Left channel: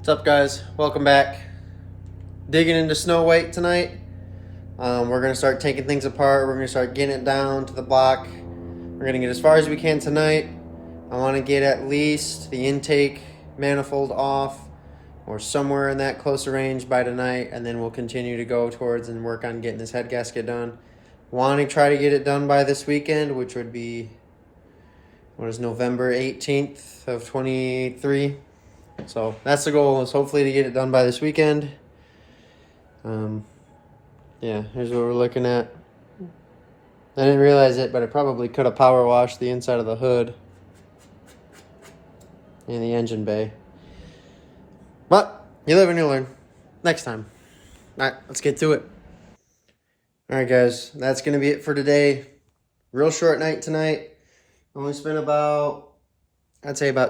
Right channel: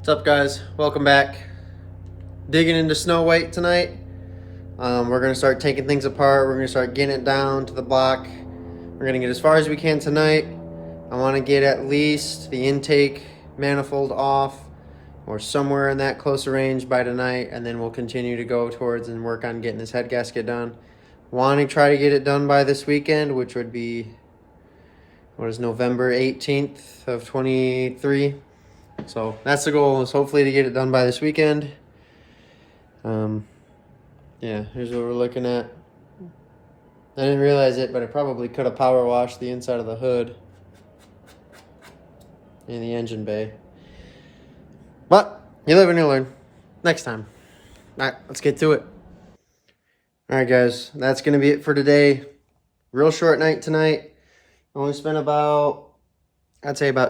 What's up, guys? Welcome back. Digging into Snow White tonight. We're going to start taking things apart. We're going to start getting it down to the block. We're going to get as far as we can tonight. I want to get at least the intake manifold off or somewhere in that closer range by tonight, and then we'll continue to go towards and work on getting this head gasket done. Want to try to get it done by this weekend, which would be, November 18th of 23. So that's the goal, is hopefully to get it done by this weekend. Yeah, here's what we're looking at. I didn't realize it, but I probably could have power washed the inside of the hood and the engine bay. But you live and you learn. Next time. All right, let's get to it. All right, guys, that's going to be it for today. Real short night tonight. Only spent about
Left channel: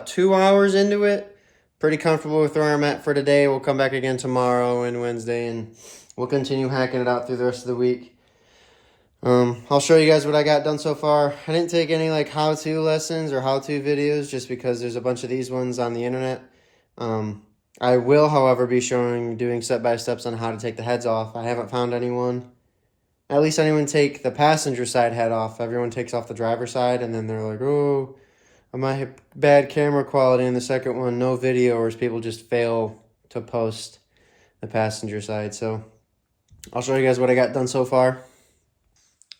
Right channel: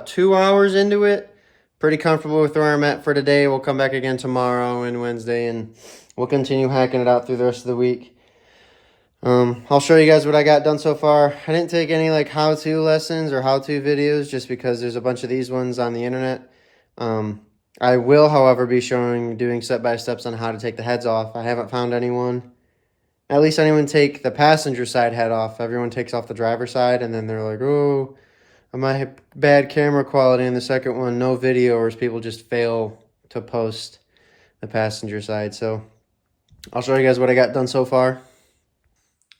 2 hours into it. Pretty comfortable with where I'm at for today. We'll come back again tomorrow and Wednesday, and we'll continue hacking it out through the rest of the week. I'll show you guys what I got done so far. I didn't take any how-to lessons or how-to videos just because there's a bunch of these ones on the internet. I will, however, be doing step-by-steps on how to take the heads off. I haven't found anyone take the passenger side head off. Everyone takes off the driver's side, and then they're like, oh, I might have bad camera quality in the second one, no video, or people just fail to post the passenger side. So I'll show you guys what I got done so far.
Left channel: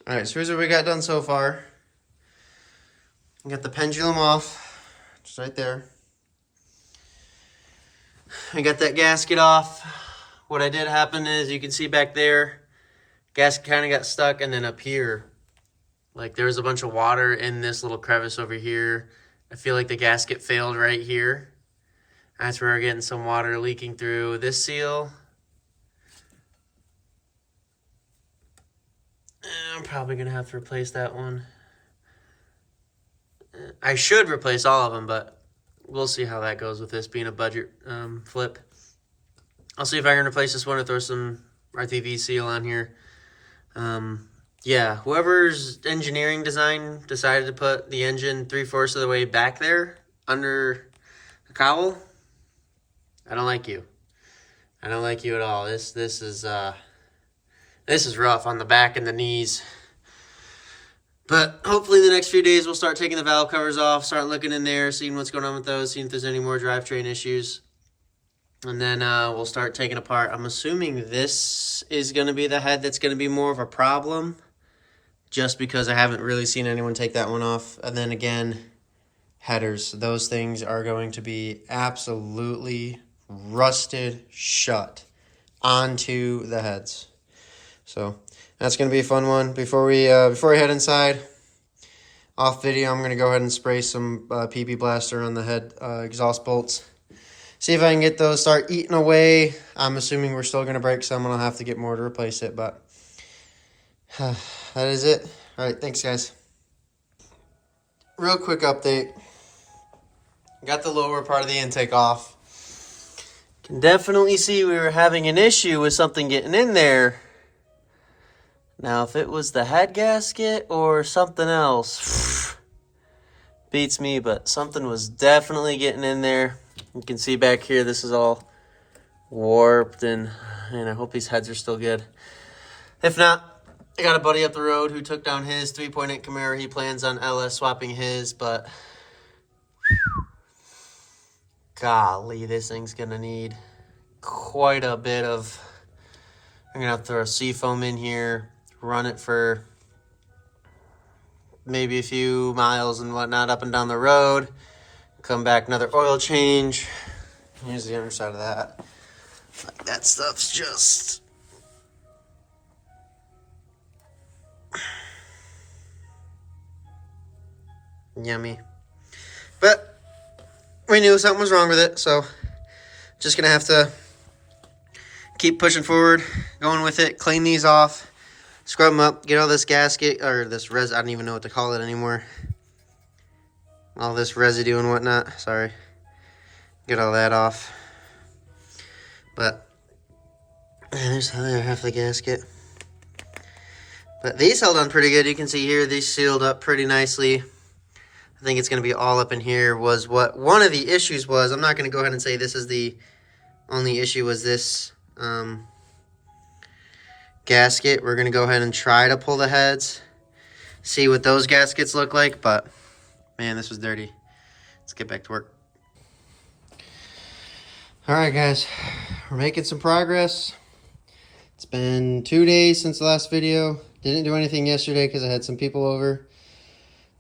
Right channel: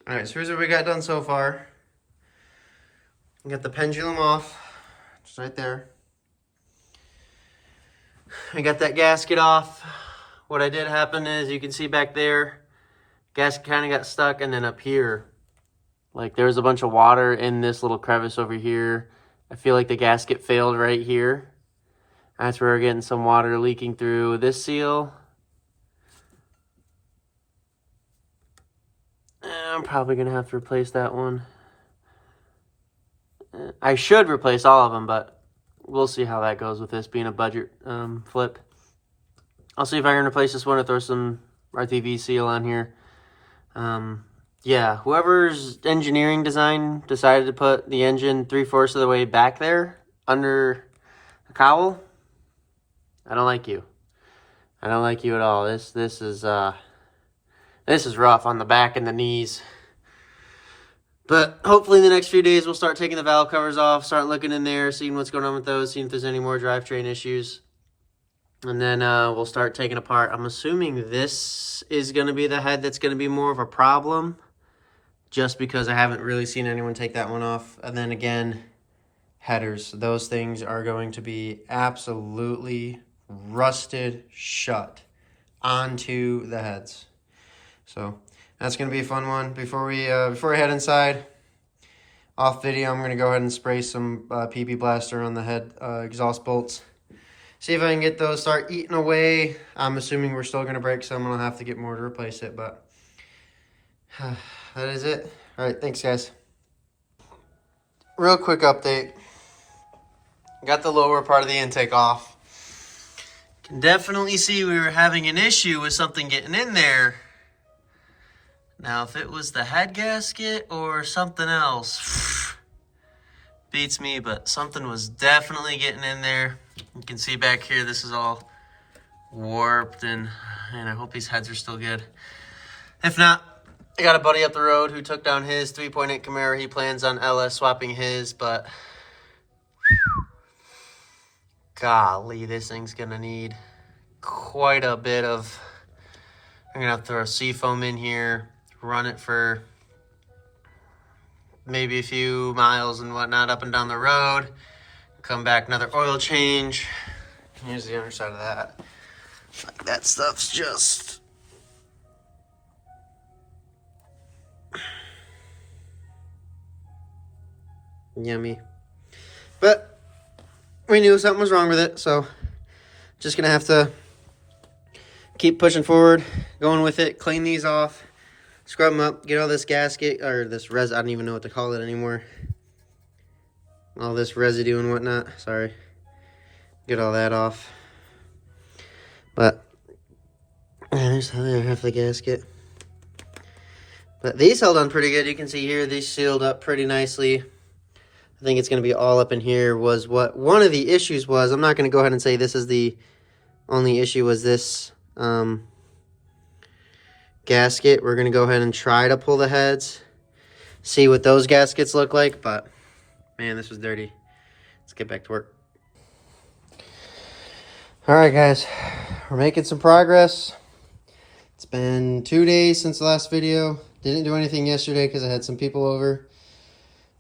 All right, so here's what we got done so far. We got the pendulum off, just right there. I got that gasket off. What I did happen is, you can see back there, gasket kind of got stuck, and then up here, there was a bunch of water in this little crevice over here. I feel like the gasket failed right here. That's where we're getting some water leaking through this seal. I'm probably going to have to replace that one. I should replace all of them, but we'll see how that goes with this being a budget flip. I'll see if I can replace this one or throw some RTV seal on here. Yeah, whoever's engineering design decided to put the engine 3/4 of the way back there under the cowl, I don't like you. I don't like you at all. This is rough on the back and the knees. But hopefully in the next few days we'll start taking the valve covers off, start looking in there, seeing what's going on with those, seeing if there's any more drivetrain issues. And then we'll start taking apart. I'm assuming this is going to be the head that's going to be more of a problem, just because I haven't really seen anyone take that one off. And then again, headers. Those things are going to be absolutely rusted shut onto the heads. So that's going to be a fun one. Before we head inside, off video, I'm going to go ahead and spray some PP Blaster on the head exhaust bolts. See if I can get those start eating away. I'm assuming we're still going to break some, and I'll have to get more to replace it, but that is it. All right, thanks, guys. Real quick update. Got the lower part of the intake off. Can definitely see we were having an issue with something getting in there. Now, if it was the head gasket or something else, beats me, but something was definitely getting in there. You can see back here, this is all warped, and I hope these heads are still good. If not, I got a buddy up the road who took down his 3.8 Camaro. He plans on LS swapping his, but golly, this thing's going to need quite a bit of... I'm going to have to throw seafoam in here, run it for maybe a few miles and whatnot up and down the road, come back, another oil change. Here's the other side of that. That stuff's just... yummy. But we knew something was wrong with it, so just gonna have to keep pushing forward, going with it, clean these off, scrub them up, get all this gasket, or this I don't even know what to call it anymore. All this residue and whatnot, sorry. Get all that off. But there's the other half of the gasket. But these held on pretty good. You can see here, these sealed up pretty nicely. I think it's going to be all up in here was what one of the issues was. I'm not going to go ahead and say this is the Only issue was this gasket. We're gonna go ahead and try to pull the heads, see what those gaskets look like, but man, this was dirty. Let's get back to work. All right, guys, we're making some progress. It's been 2 days since the last video. Didn't do anything yesterday because I had some people over.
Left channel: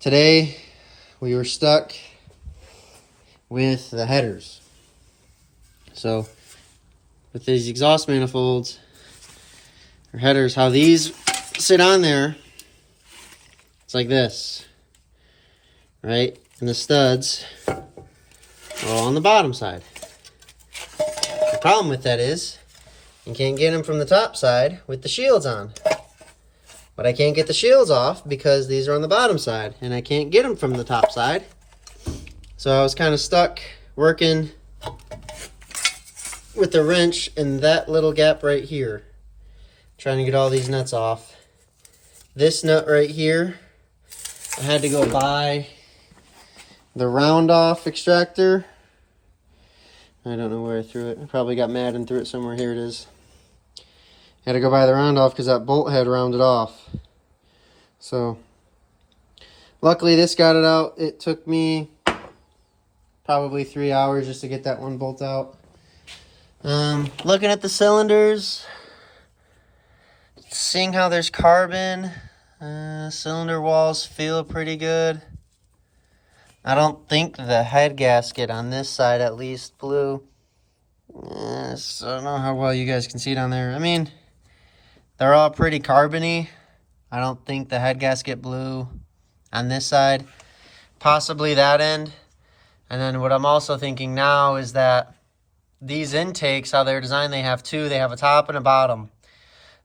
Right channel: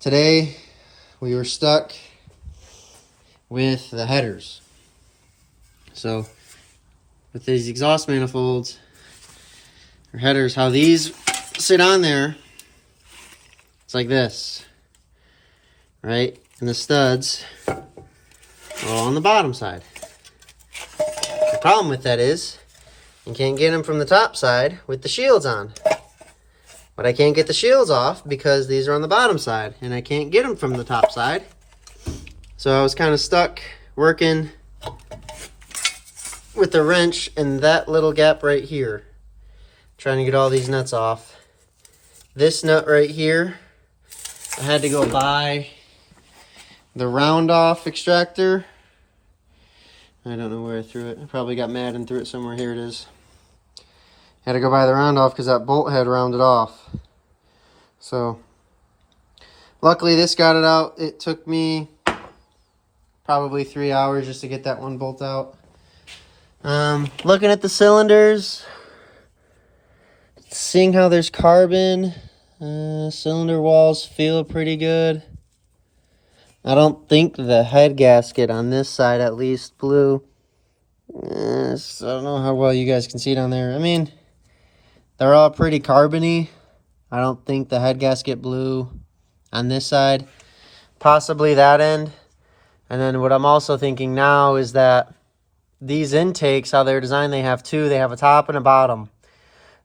Today, we were stuck with the headers. So, with these exhaust manifolds, or headers, how these sit on there, it's like this, right? And the studs are all on the bottom side. The problem with that is, you can't get them from the top side with the shields on. But I can't get the shields off because these are on the bottom side, and I can't get them from the top side. So I was kind of stuck working with the wrench in that little gap right here, trying to get all these nuts off. This nut right here, I had to go buy the round off extractor. I don't know where I threw it. I probably got mad and threw it somewhere. Here it is. Had to go buy the round off because that bolt had rounded off. So luckily this got it out. It took me probably 3 hours just to get that one bolt out. Looking at the cylinders, seeing how there's carbon, cylinder walls feel pretty good. I don't think the head gasket on this side at least blew. So I don't know how well you guys can see it on there. I mean, they're all pretty carbony. I don't think the head gasket blew on this side. Possibly that end. And then what I'm also thinking now is that these intakes, how they're designed, they have two. They have a top and a bottom.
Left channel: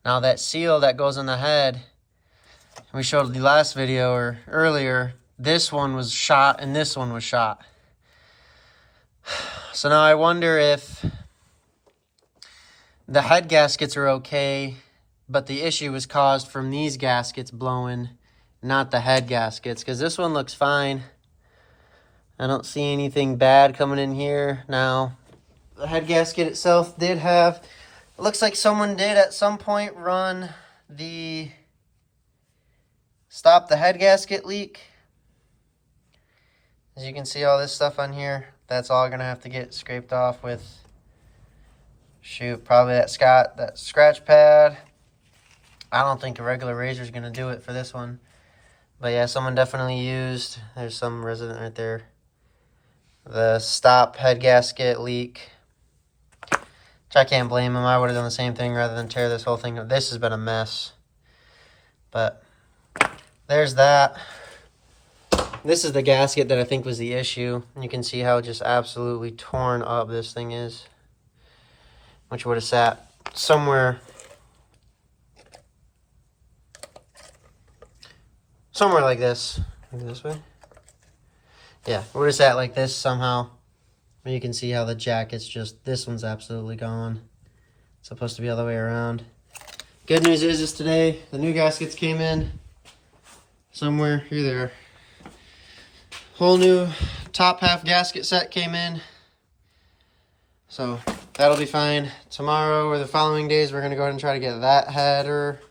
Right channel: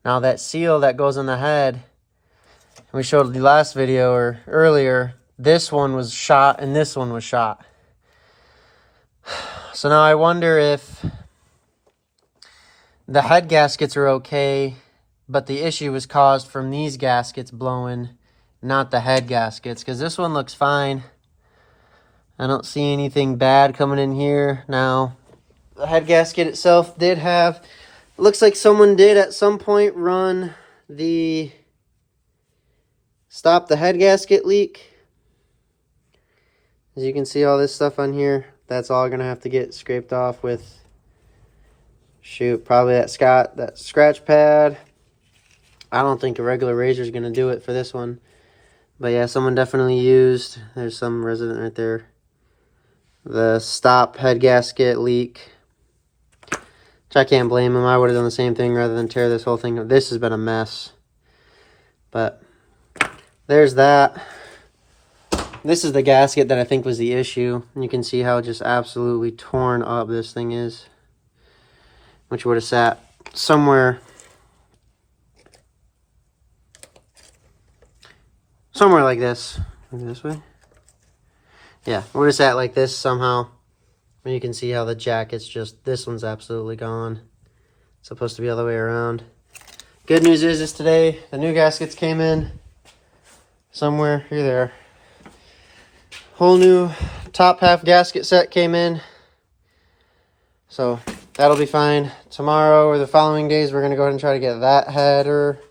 Now that seal that goes on the head, we showed the last video or earlier, this one was shot and this one was shot. So now I wonder if the head gaskets are okay, but the issue was caused from these gaskets blowing, not the head gaskets, because this one looks fine. I don't see anything bad coming in here. Now, the head gasket itself did have, looks like someone did at some point run the stop the head gasket leak. As you can see all this stuff on here, that's all gonna have to get scraped off with, shoot, probably that scratch pad. I don't think a regular razor is gonna do it for this one. But yeah, someone definitely used, there's some resident right there, the stop head gasket leak. Which I can't blame him. I would have done the same thing rather than tear this whole thing up. This has been a mess. But there's that. This is the gasket that I think was the issue. You can see how just absolutely torn up this thing is. Which would have sat somewhere like this. Maybe this way? Yeah, would have sat like this somehow. And you can see how the jacket's just, this one's absolutely gone. It's supposed to be all the way around. Good news is today, the new gaskets came in somewhere. Here they are. Whole new top half gasket set came in. So that'll be fine. Tomorrow or the following days, we're going to go ahead and try to get that header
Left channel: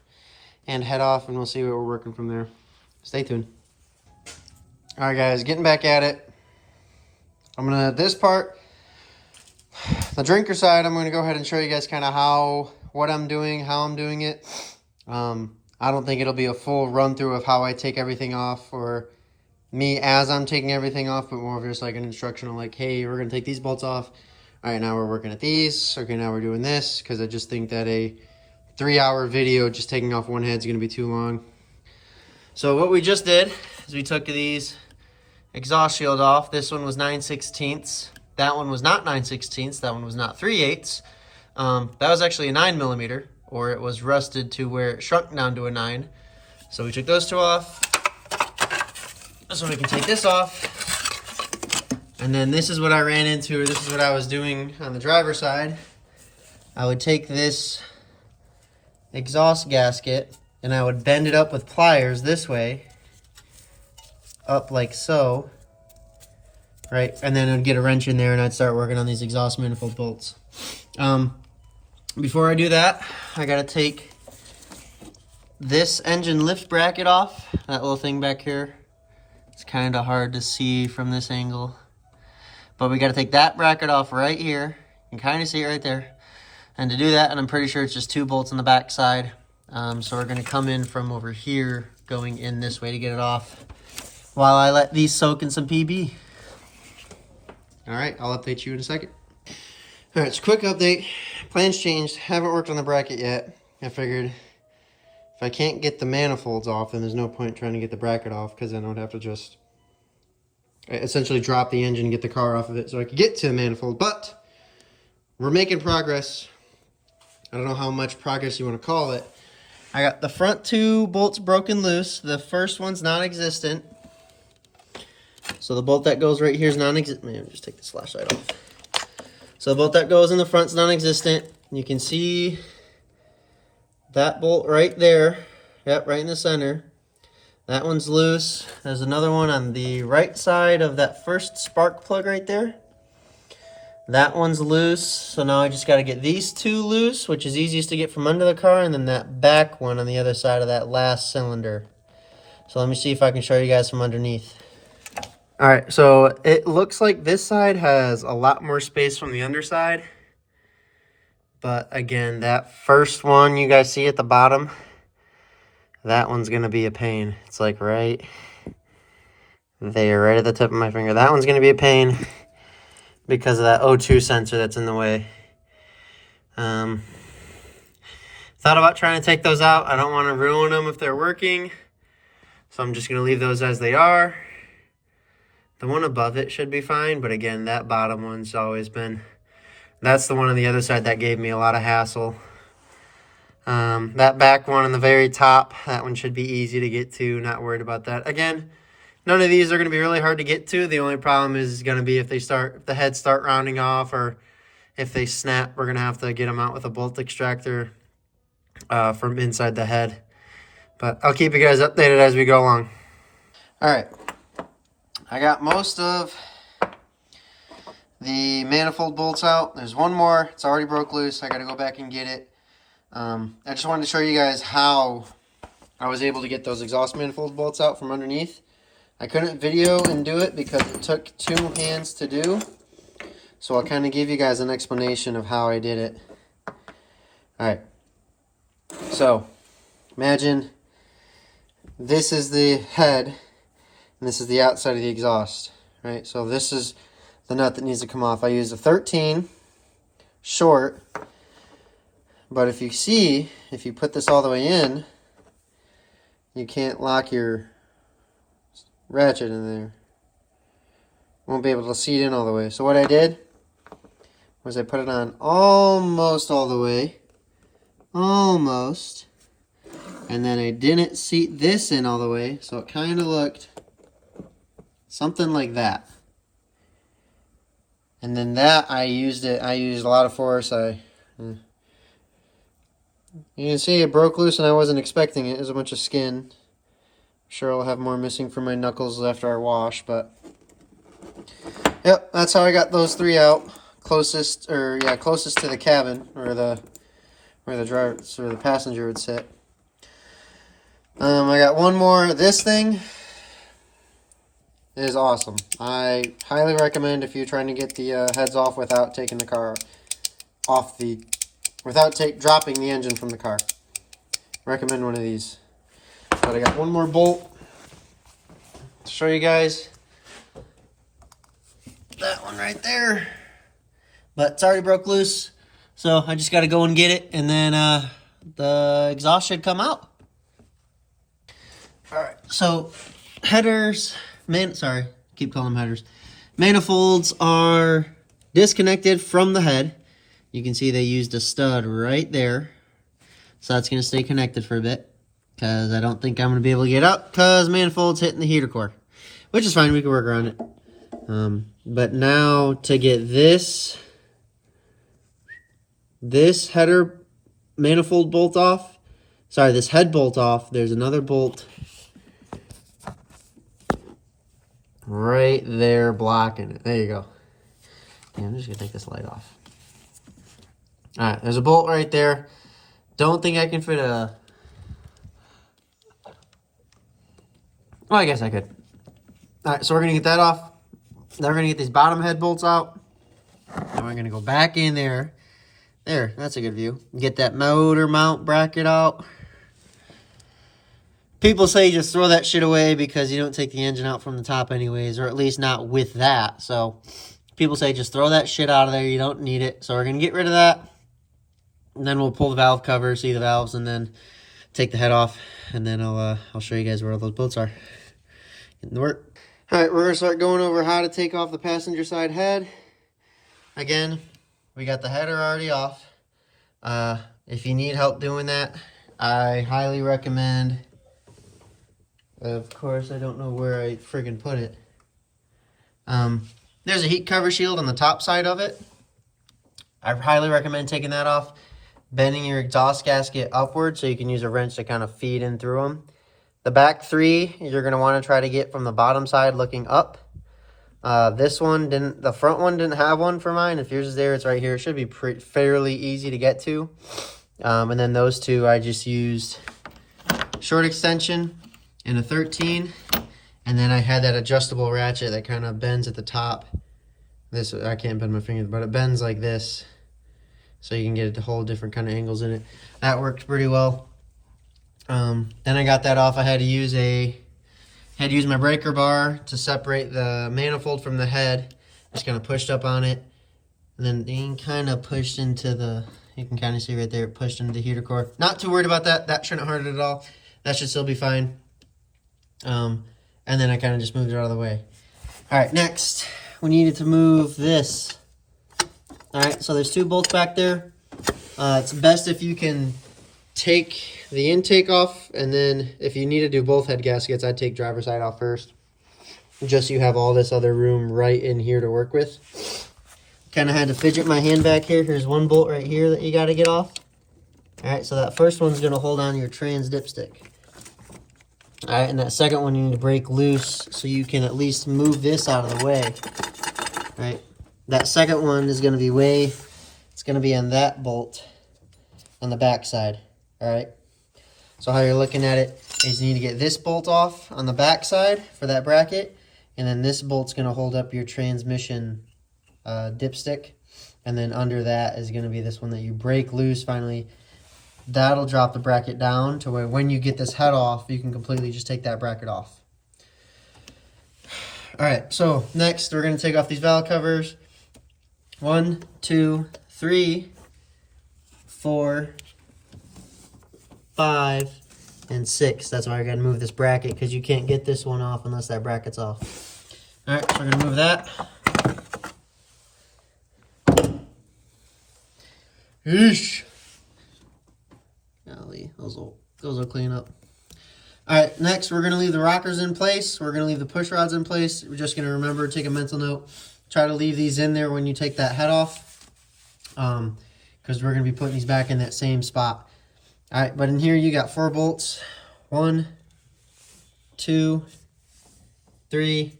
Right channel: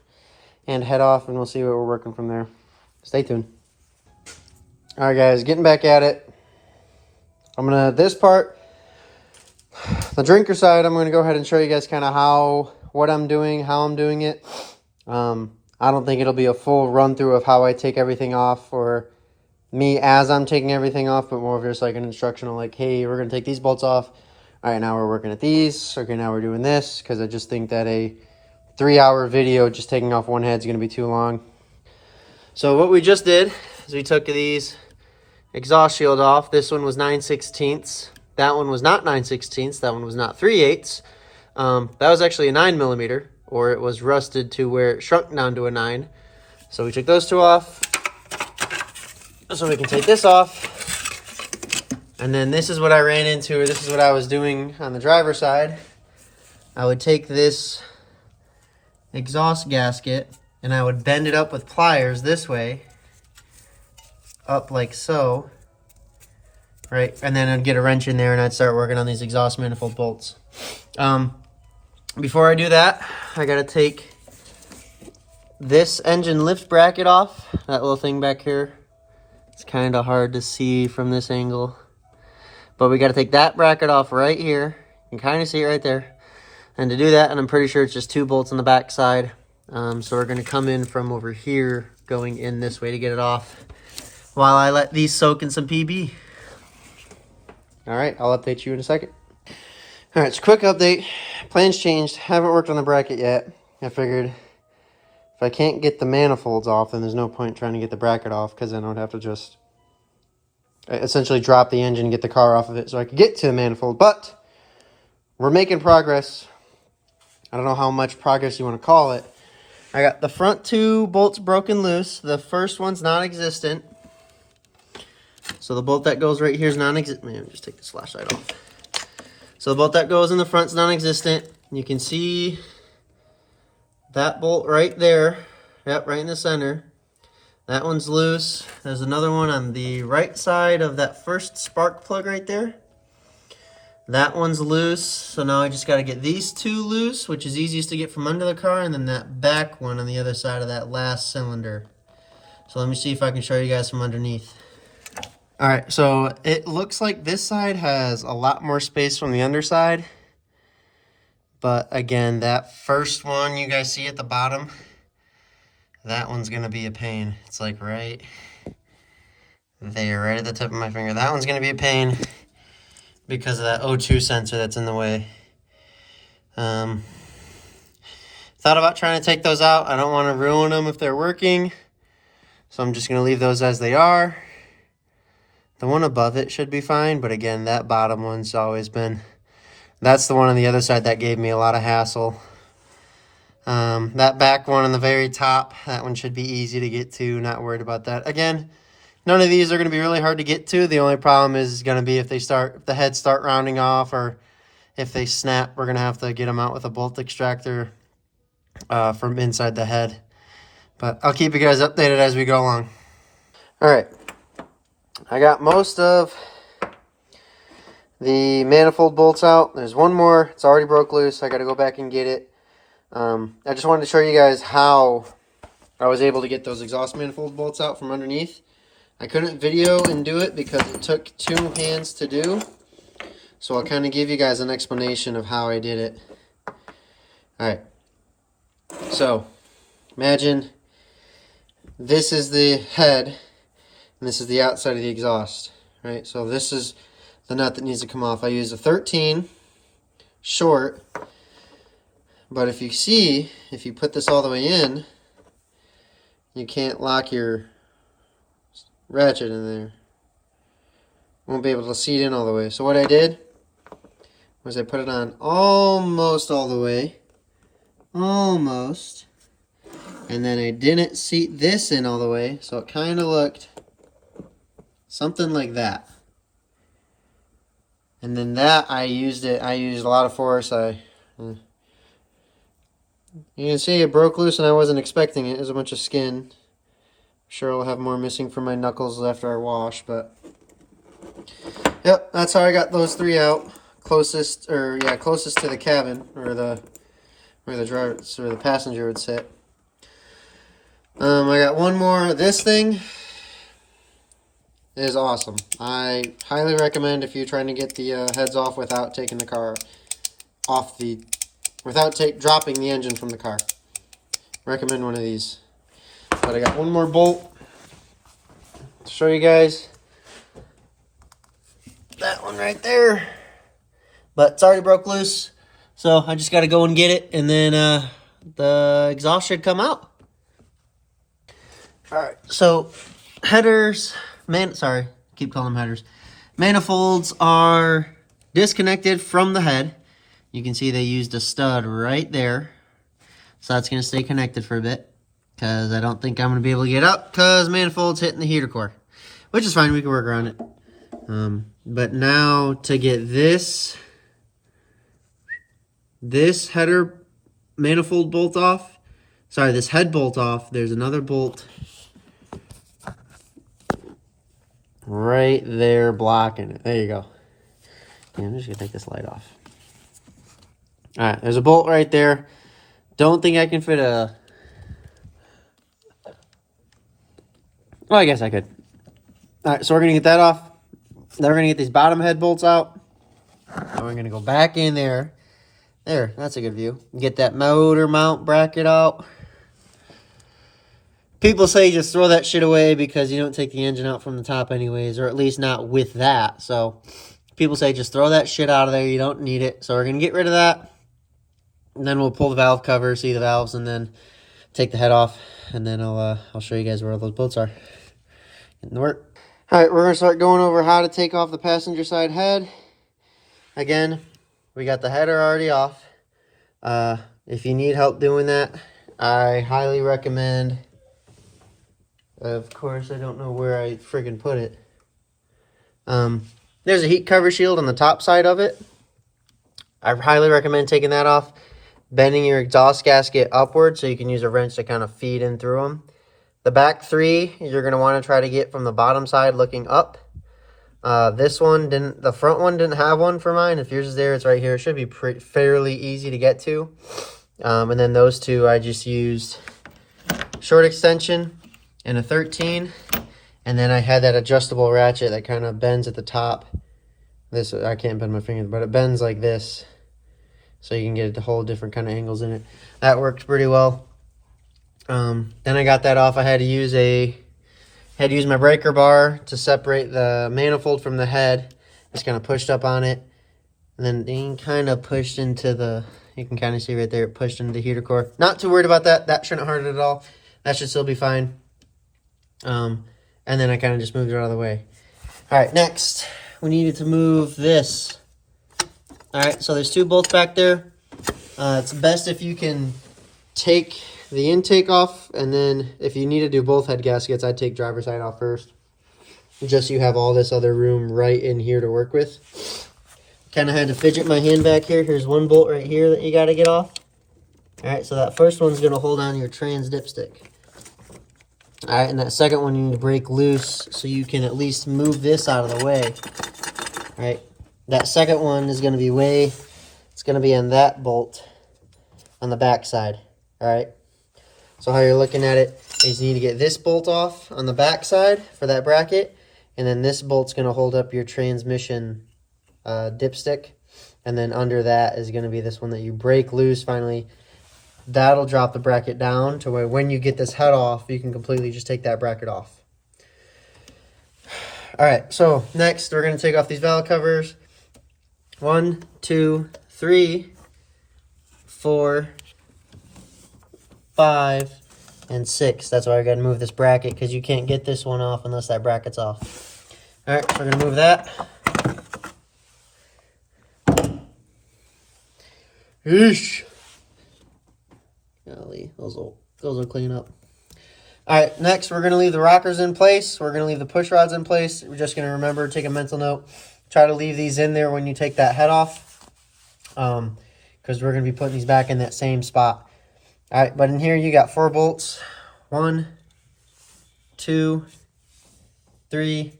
and head off, and we'll see what we're working from there. Stay tuned. All right, guys, getting back at it. I'm gonna, this part, the drinker side, I'm gonna go ahead and show you guys kind of what I'm doing, how I'm doing it. I don't think it'll be a full run through of how I take everything off, or me as I'm taking everything off, but more of just like an instructional, like, hey, we're gonna take these bolts off. All right, now we're working at these. Okay, now we're doing this, because I just think that a 3-hour video just taking off one head is gonna be too long. So what we just did is we took these exhaust shield off. This one was 9/16. That one was not 9/16. That one was not 3/8. That was actually a 9mm, or it was rusted to where it shrunk down to a 9. So we took those two off. So we can take this off. And then this is what I ran into, or this is what I was doing on the driver's side. I would take this exhaust gasket and I would bend it up with pliers this way, up like so, right? And then I'd get a wrench in there and I'd start working on these exhaust manifold bolts. Before I do that, I gotta take this engine lift bracket off, that little thing back here. It's kind of hard to see from this angle, but we gotta take that bracket off right here. You can kind of see it right there. And to do that, and I'm pretty sure it's just 2 bolts on the back side. So we're gonna come in from over here, going in this way to get it off, while I let these soak in some PB. All right, I'll update you in a second. All right, so quick update. Plans changed. Haven't worked on the bracket yet. I figured if I can't get the manifolds off, then there's no point trying to get the bracket off, because then I would have to just essentially drop the engine and get the car off of it so I could get to the manifold. But we're making progress. I don't know how much progress you want to call it. I got the front 2 bolts broken loose. The first one's non-existent. So the bolt that goes right here is non-existent. Man, just take this flashlight off. So the bolt that goes in the front is non-existent. You can see that bolt right there. Yep, right in the center. That one's loose. There's another one on the right side of that first spark plug right there. That one's loose. So now I just got to get these 2 loose, which is easiest to get from under the car, and then that back one on the other side of that last cylinder. So let me see if I can show you guys from underneath. All right, so it looks like this side has a lot more space from the underside. But again, that first one you guys see at the bottom, that one's going to be a pain. It's like right there, right at the tip of my finger. That one's going to be a pain because of that O2 sensor that's in the way. Thought about trying to take those out. I don't want to ruin them if they're working. So I'm just going to leave those as they are. The one above it should be fine, but again, that bottom one's always been... That's the one on the other side that gave me a lot of hassle. That back one on the very top, that one should be easy to get to, not worried about that. Again, none of these are going to be really hard to get to. The only problem is going to be if the heads start rounding off, or if they snap, we're going to have to get them out with a bolt extractor from inside the head. But I'll keep you guys updated as we go along. All right. I got most of the manifold bolts out. There's one more. It's already broke loose. I got to go back and get it. I just wanted to show you guys how I was able to get those exhaust manifold bolts out from underneath. I couldn't video and do it because it took 2 hands to do. So I'll kind of give you guys an explanation of how I did it. Alright. So, imagine this is the head. And this is the outside of the exhaust, right? So this is the nut that needs to come off. I used a 13 short, but if you put this all the way in, you can't lock your ratchet in there. Won't be able to seat in all the way. So what I did was I put it on almost all the way, almost, and then I didn't seat this in all the way, so it kind of looked something like that. And then that I used a lot of force. You can see it broke loose and I wasn't expecting it. It was a bunch of skin. I'm sure I'll have more missing from my knuckles after I wash, but yep, that's how I got those 3 out. Closest to the cabin, or where the driver or the passenger would sit. I got one more. This thing is awesome. I highly recommend if you're trying to get the heads off without taking the car off dropping the engine from the car. Recommend one of these. But I got one more bolt to show you guys. That one right there. But it's already broke loose. So I just got to go and get it, and then the exhaust should come out. Alright, so headers... keep calling them headers. Manifolds are disconnected from the head. You can see they used a stud right there. So that's going to stay connected for a bit, because I don't think I'm going to be able to get up because manifold's hitting the heater core. Which is fine, we can work around it. But now to get this header manifold bolt off, this head bolt off, there's another bolt right there blocking it. There you go. Yeah, I'm just gonna take this light off. All right, there's a bolt right there. Don't think I can fit a... Well, I guess I could. All right, so we're gonna get that off. Then we're gonna get these bottom head bolts out. And we're gonna go back in there. There, that's a good view. Get that motor mount bracket out. People say just throw that shit away because you don't take the engine out from the top anyways, or at least not with that. So people say just throw that shit out of there. You don't need it. So we're gonna get rid of that. And then we'll pull the valve cover, see the valves, and then take the head off. And then I'll show you guys where all those bolts are. Getting to work. All right, we're gonna start going over how to take off the passenger side head. Again, we got the header already off. If you need help doing that, I highly recommend. Of course, I don't know where I friggin' put it. There's a heat cover shield on the top side of it. I highly recommend taking that off, bending your exhaust gasket upward so you can use a wrench to kind of feed in through them. The back three, you're going to want to try to get from the bottom side looking up. This one didn't, the front one didn't have one for mine. If yours is there, it's right here. It should be fairly easy to get to. And then those two, I just used short extension and a 13. And then I had that adjustable ratchet that kind of bends at the top. This, I can't bend my fingers, but it bends like this. So you can get a whole different kind of angles in it. That worked pretty well. Then I got that off. I had to use my breaker bar to separate the manifold from the head. Just kind of pushed up on it. And then kind of pushed into the, you can kind of see right there, it pushed into the heater core. Not too worried about that. That shouldn't hurt it at all. That should still be fine. And then I kind of just moved it out of the way. All right, next, we needed to move this. All right, so there's two bolts back there. It's best if you can take the intake off, and then if you need to do both head gaskets, I'd take driver's side off first. Just so you have all this other room right in here to work with. Kind of had to fidget my hand back here. Here's one bolt right here that you got to get off. All right, so that first one's going to hold on your trans dipstick. All right, and that second one you need to break loose so you can at least move this out of the way. All right, that second one is going to be it's going to be on that bolt on the back side. All right, so how you're looking at it is you need to get this bolt off on the back side for that bracket, and then this bolt's going to hold up your transmission dipstick, and then under that is going to be this one that you break loose finally. That'll drop the bracket down to where when you get this head off, you can completely just take that bracket off. All right, so next we're going to take off these valve covers. 1, 2, 3, 4, 5, and 6. That's why I got to move this bracket, because you can't get this one off unless that bracket's off. All right, so we're going to move that. Eesh. Golly, those will clean up. All right, next we're going to leave the rockers in place. We're going to leave the push rods in place. We're just going to remember, take a mental note. Try to leave these in there when you take that head off, because we're going to be putting these back in that same spot. All right, but in here you got 4 bolts. 1, 2, 3,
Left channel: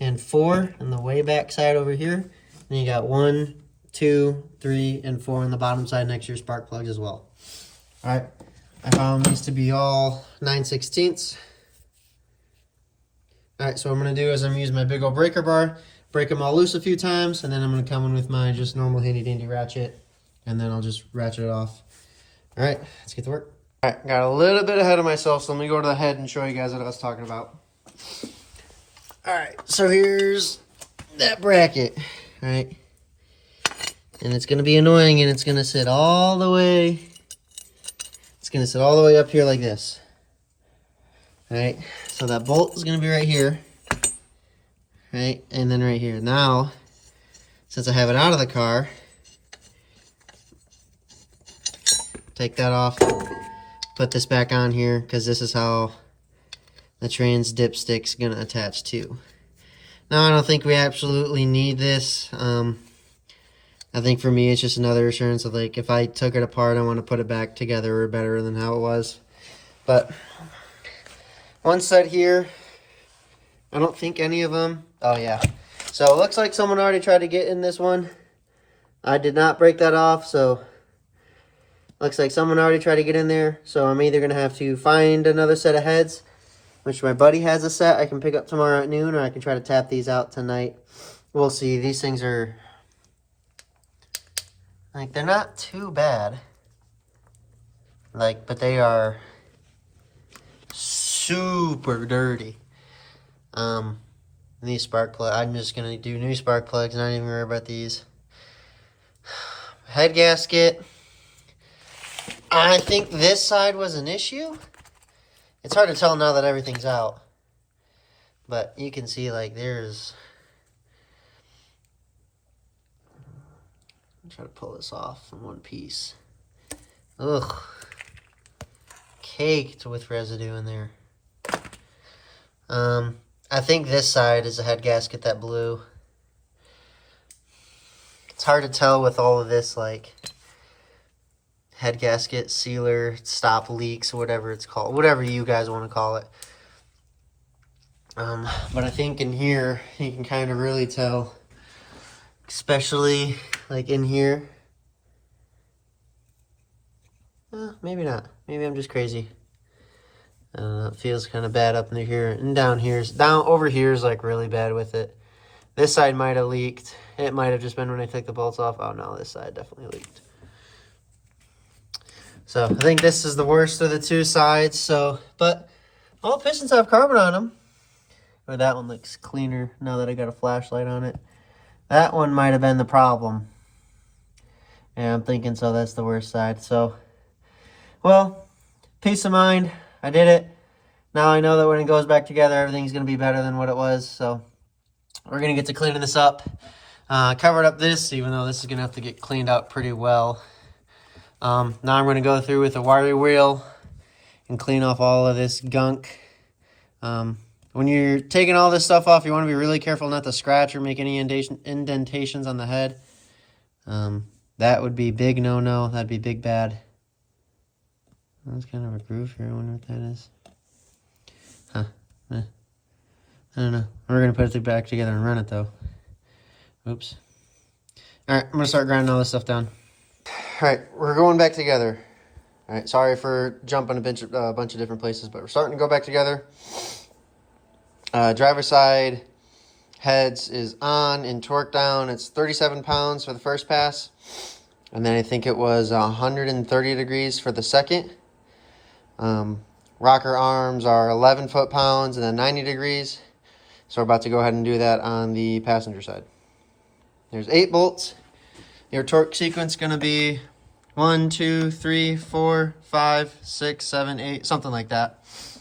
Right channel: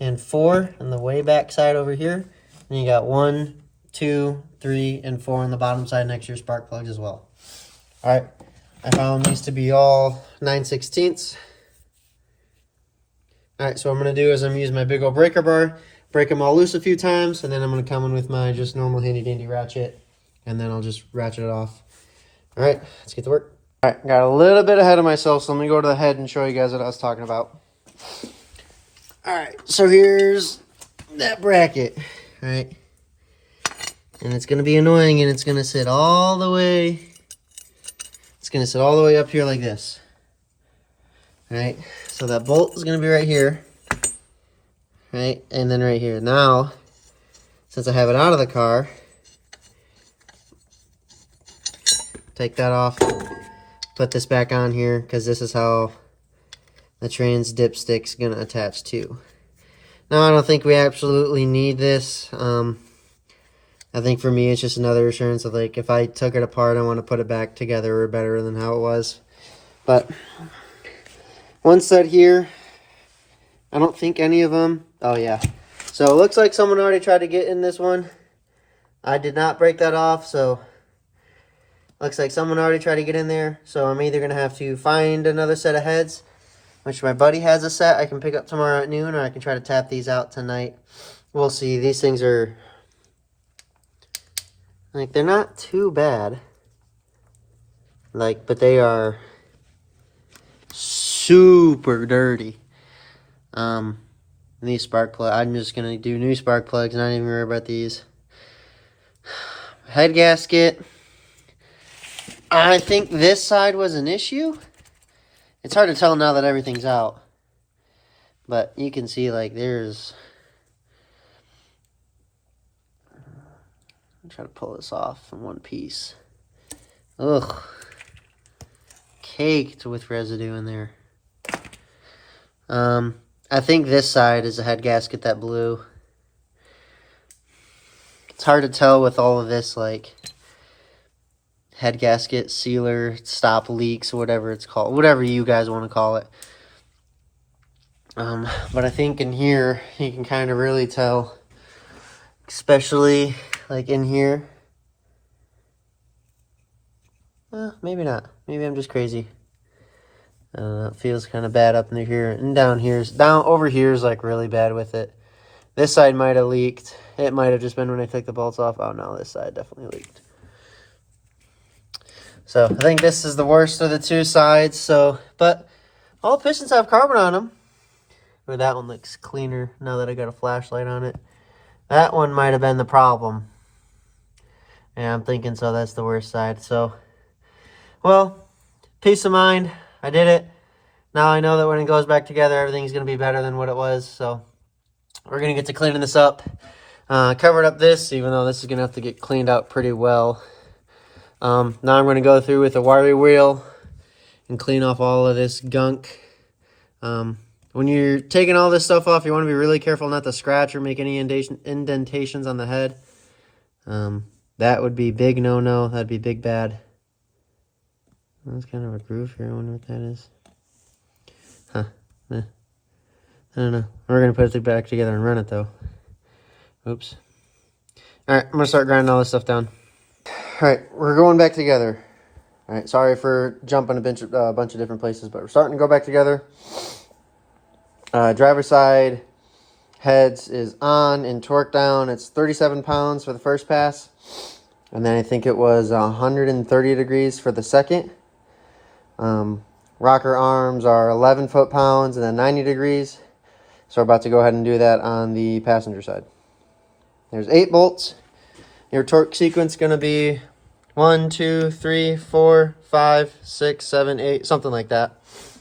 and 4 on the way back side over here. And you got 1, 2, 3, and 4 on the bottom side next to your spark plugs as well. All right, I found these to be all 9/16. All right, so what I'm going to do is I'm going to use my big old breaker bar, break them all loose a few times, and then I'm going to come in with my just normal handy-dandy ratchet, and then I'll just ratchet it off. All right, let's get to work. All right, got a little bit ahead of myself, so let me go to the head and show you guys what I was talking about. All right, so here's that bracket, all right? And it's going to be annoying, and it's going to sit all the way... It's going to sit all the way up here like this. All right, so that bolt is going to be right here. Right, and then right here. Now, since I have it out of the car, take that off, put this back on here, because this is how the trans dipstick's going to attach to. Now, I don't think we absolutely need this. I think for me, it's just another assurance of, like, if I took it apart, I want to put it back together or better than how it was. But once set here, I don't think any of them. Oh, yeah. So it looks like someone already tried to get in this one. I did not break that off, so looks like someone already tried to get in there. So I'm either going to have to find another set of heads, which my buddy has a set I can pick up tomorrow at noon, or I can try to tap these out tonight. We'll see. These things are, like, they're not too bad. Like, but they are super dirty. These spark plugs, I'm just going to do new spark plugs, not even worry about these. Head gasket. I think this side was an issue. It's hard to tell now that everything's out. But you can see, like, there's... I'll try to pull this off in one piece. Ugh. Caked with residue in there. I think this side is a head gasket that blew. It's hard to tell with all of this, like, head gasket, sealer, stop leaks, whatever it's called. Whatever you guys want to call it. But I think in here, you can kind of really tell. Especially, like, in here. Maybe not. Maybe I'm just crazy. It feels kind of bad up in here. And down over here is, like, really bad with it. This side might have leaked. It might have just been when I took the bolts off. Oh, no, this side definitely leaked. So, I think this is the worst of the two sides. So, but all pistons have carbon on them. But that one looks cleaner now that I got a flashlight on it. That one might have been the problem. Yeah, I'm thinking so. That's the worst side. So, well, peace of mind. I did it. Now I know that when it goes back together, everything's going to be better than what it was. So, we're going to get to cleaning this up. Covered up this, even though this is going to have to get cleaned out pretty well. Now I'm going to go through with a wiry wheel and clean off all of this gunk. When you're taking all this stuff off, you want to be really careful not to scratch or make any indentations on the head. That would be big no-no. That'd be big bad. That's kind of a groove here. I wonder what that is. Huh. I don't know. We're going to put it back together and run it, though. Oops. Alright, I'm going to start grinding all this stuff down. Alright, we're going back together. Alright, sorry for jumping a bunch of different places, but we're starting to go back together. Driver side heads is on and torque down. It's 37 pounds for the first pass. And then I think it was 130 degrees for the second. Rocker arms are 11 foot-pounds and then 90 degrees. So we're about to go ahead and do that on the passenger side. There's 8 bolts. Your torque sequence is going to be 1, 2, 3, 4, 5, 6, 7, 8, something like that.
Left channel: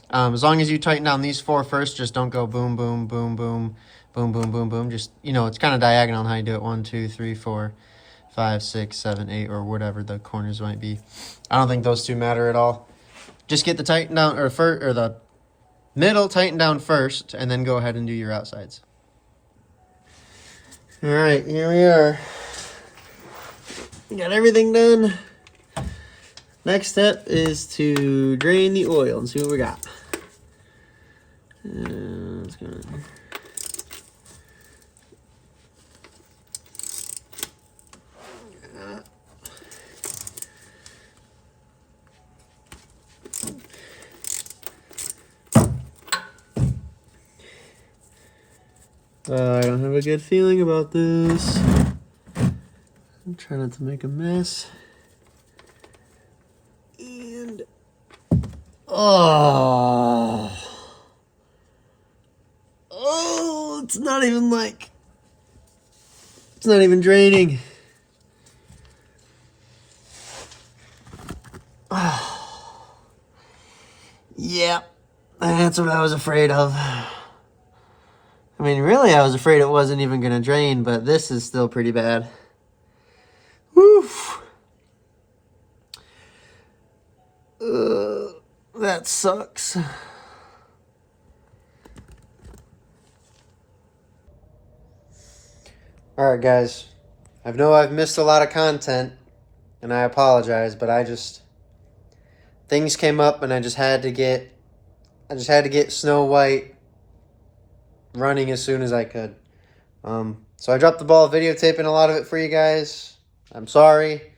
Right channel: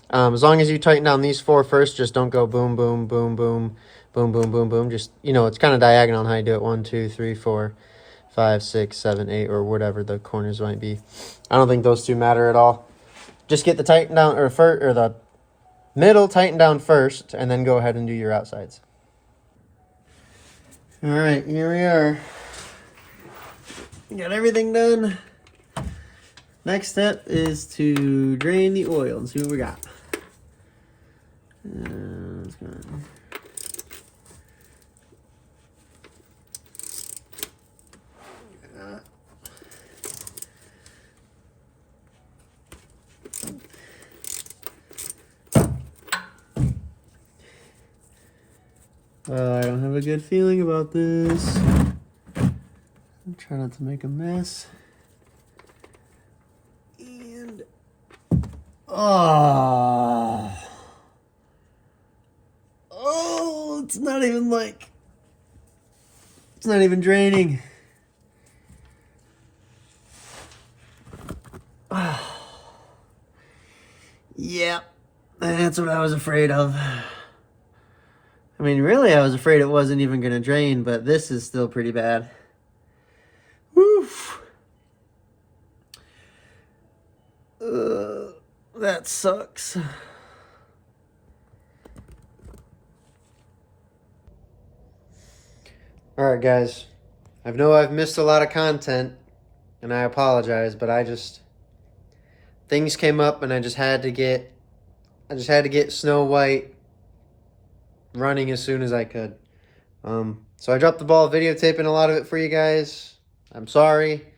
As long as you tighten down these 4 first, just don't go boom, boom, boom, boom, boom, boom, boom, boom. Just, you know, it's kind of diagonal on how you do it. 1, 2, 3, 4, 5, 6, 7, 8, or whatever the corners might be. I don't think those two matter at all. Just get the tighten down, or the middle tighten down first, and then go ahead and do your outsides. All right, here we are. Got everything done. Next step is to drain the oil and see what we got. Let's go. I don't have a good feeling about this. I'm trying not to make a mess. And oh, it's not even draining. Oh, yeah, that's what I was afraid of. I mean, really, I was afraid it wasn't even going to drain, but this is still pretty bad. Woof. That sucks. Alright, guys. I know I've missed a lot of content, and I apologize, but things came up, and I just had to get Snow White running as soon as I could. So I dropped the ball videotaping a lot of it for you guys. I'm sorry,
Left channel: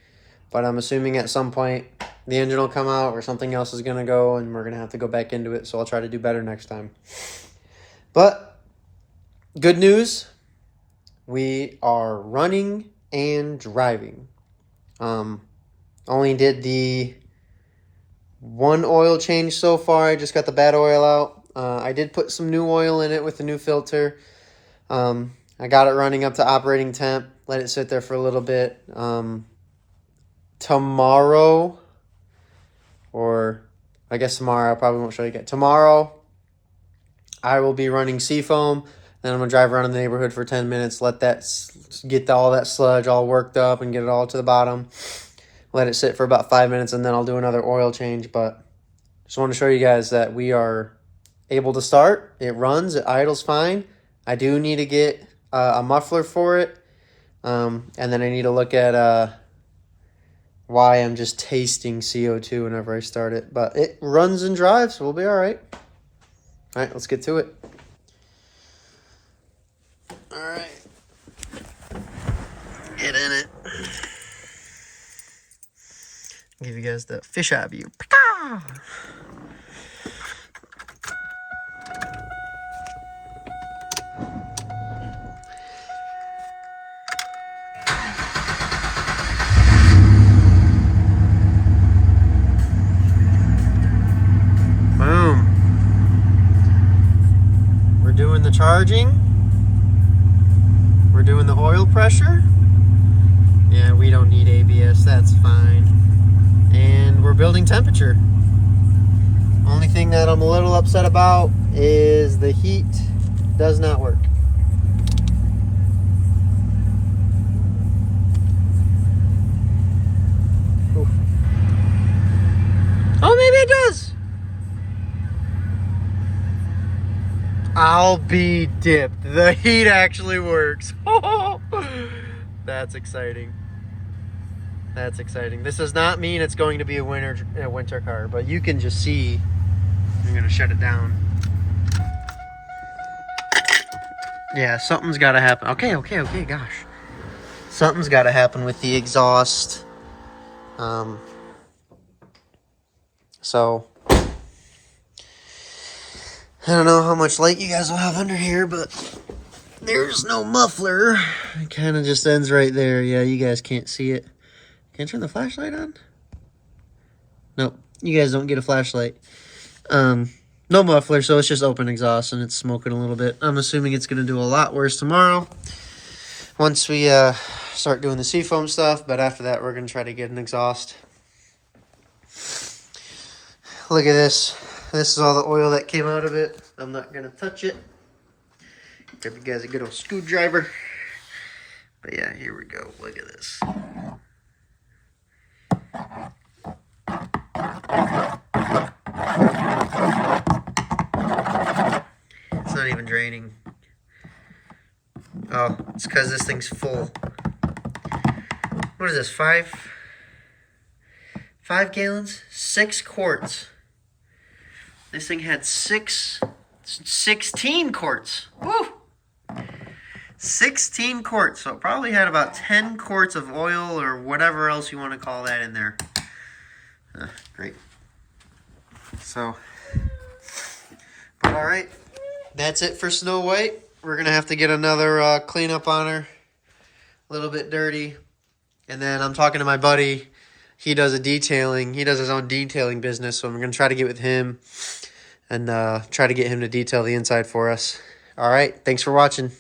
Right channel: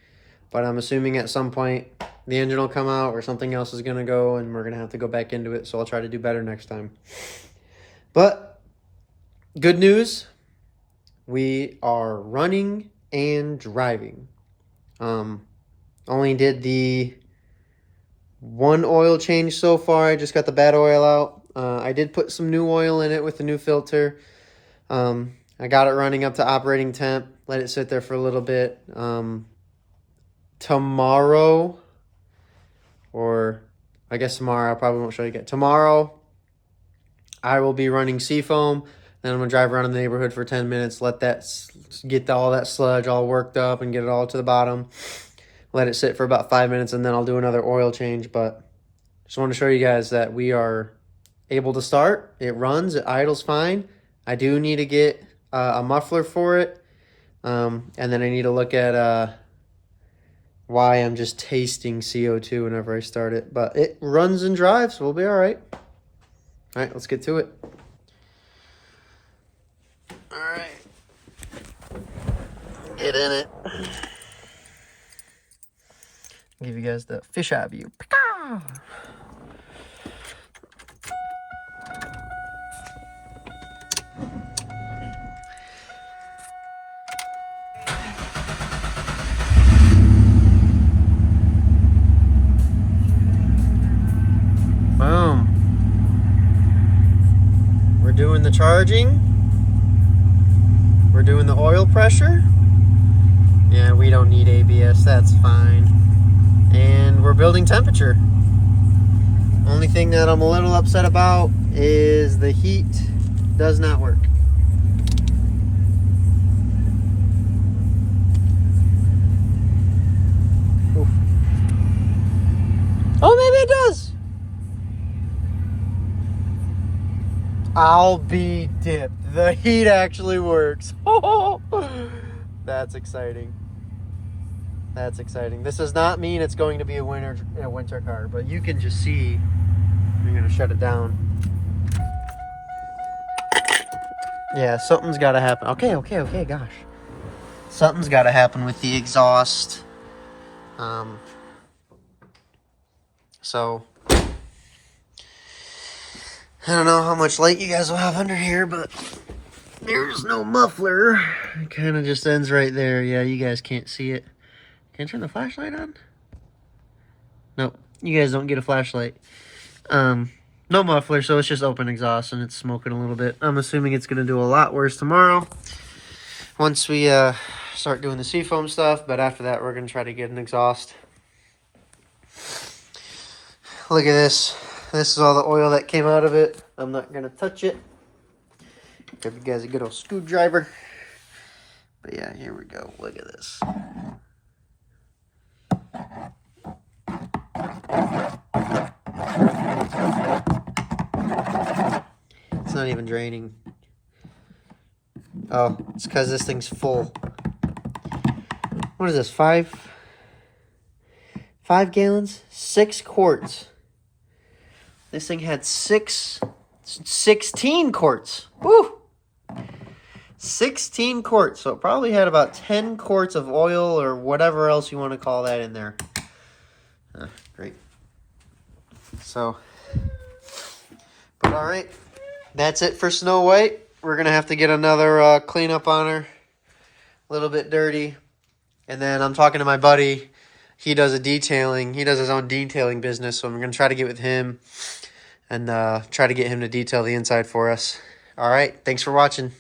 but I'm assuming at some point the engine will come out or something else is going to go and we're going to have to go back into it. So I'll try to do better next time. But good news, we are running and driving. Only did the one oil change so far. I just got the bad oil out. I did put some new oil in it with the new filter. I got it running up to operating temp. Let it sit there for a little bit. Tomorrow, or I guess tomorrow, I probably won't show you guys. Tomorrow, I will be running seafoam. Then I'm going to drive around in the neighborhood for 10 minutes. Let that get all that sludge all worked up and get it all to the bottom. Let it sit for about 5 minutes, and then I'll do another oil change. But just want to show you guys that we are able to start. It runs. It idles fine. I do need to get a muffler for it. And then I need to look at why I'm just tasting CO2 whenever I start it. But it runs and drives, so we'll be all right. All right, let's get to it. All right. Get in it. Give you guys the fisheye view. Boom. We're doing the charging. We're doing the oil pressure. Yeah, we don't need ABS, that's fine. And we're building temperature. Only thing that I'm a little upset about is the heat does not work. Oof. Oh, maybe it does. I'll be dipped. The heat actually works. That's exciting. That's exciting. This does not mean it's going to be a winter car, but you can just see. I'm going to shut it down. Yeah, something's got to happen. Okay, gosh. Something's got to happen with the exhaust. So I don't know how much light you guys will have under here, but there's no muffler. It kind of just ends right there. Yeah, you guys can't see it. Can I turn the flashlight on? Nope, you guys don't get a flashlight. No muffler, so it's just open exhaust and it's smoking a little bit. I'm assuming it's going to do a lot worse tomorrow once we start doing the seafoam stuff, but after that we're going to try to get an exhaust. Look at this. This is all the oil that came out of it. I'm not going to touch it. Give you guys a good old screwdriver. But yeah, here we go. Look at this. It's not even draining. Oh, it's because this thing's full. What is this, 5 gallons? 6 quarts. This thing had 16 quarts. Woo! 16 quarts. So it probably had about 10 quarts of oil or whatever else you want to call that in there. Great. So, but all right. That's it for Snow White. We're going to have to get another cleanup on her. A little bit dirty. And then I'm talking to my buddy. He does a detailing. He does his own detailing business. So I'm going to try to get with him and try to get him to detail the inside for us. All right. Thanks for watching.